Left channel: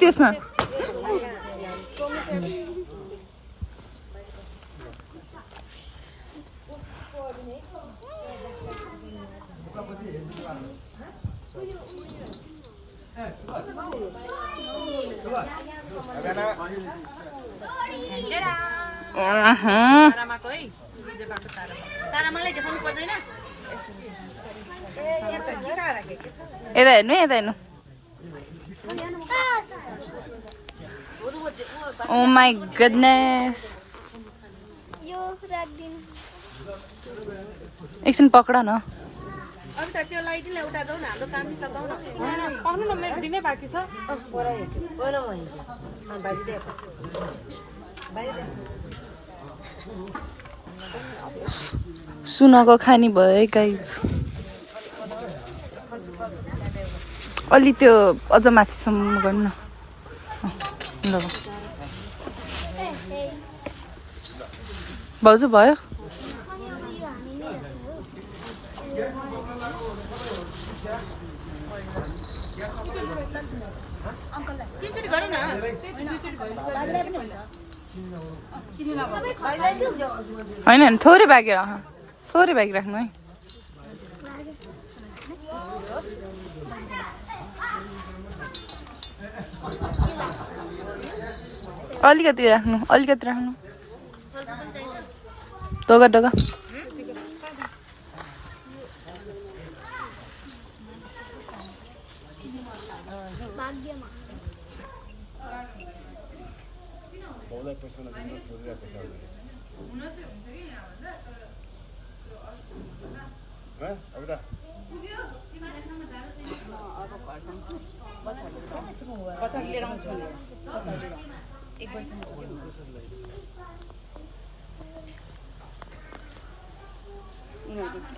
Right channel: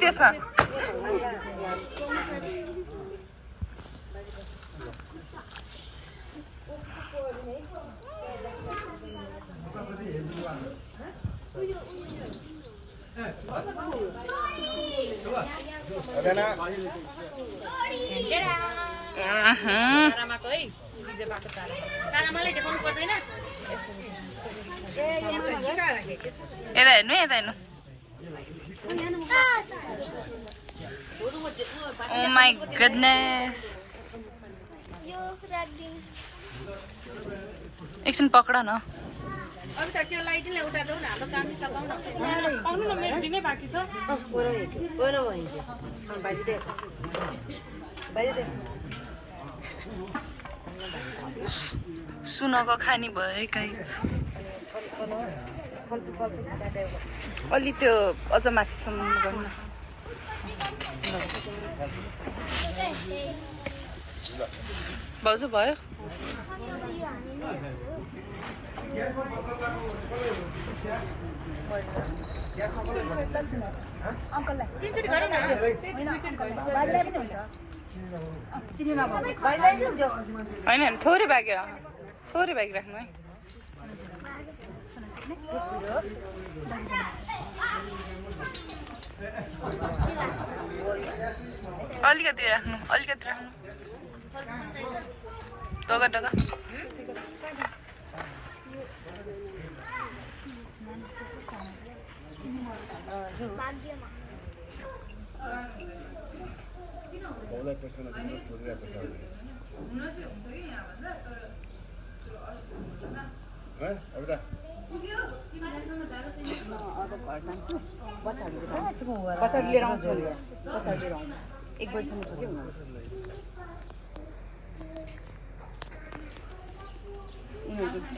त्यसमा यता हेर्नु यता हेर्नु Oh my goodness. एकछिन पक्रा न सुनको खानी भयो गाइस अलि त्यो अझ माथिसम्म गर्नु न भाउजू भयो होइन थोरै बाँकी राख्नु है अलिकति राख्नु टोगा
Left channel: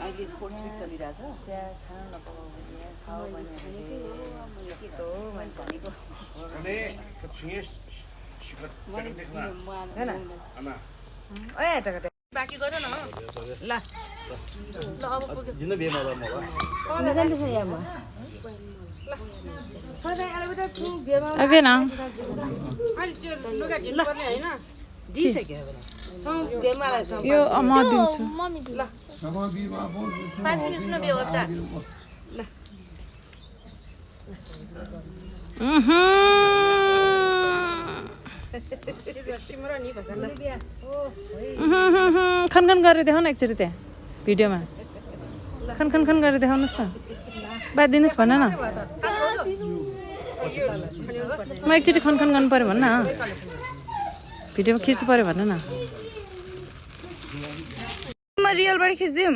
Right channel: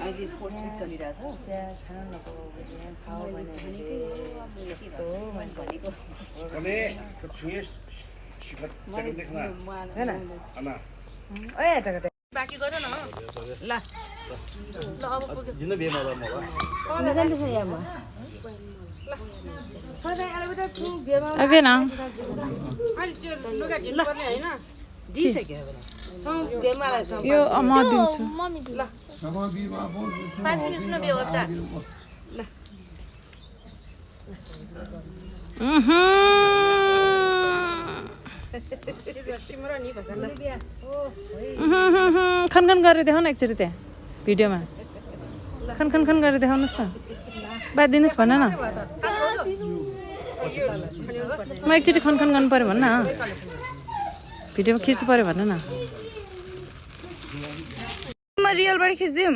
अहिले स्पोर्ट्स विक चलिरहेछ त्यहाँ खाना बाँकी गर न ल यो म दिन्छु खनखन गरेर देखाउन एकचोटि त्यहाँ भिडियोमा खनखन गरेर देखाउनुहोस् न बात दिनुहोस् भन न म एकचोटि खनखन गर्नु पर्यो भन्न भिडियोमा खिच्नु पर्यो भन न म रियलबाट खिच्दिउँ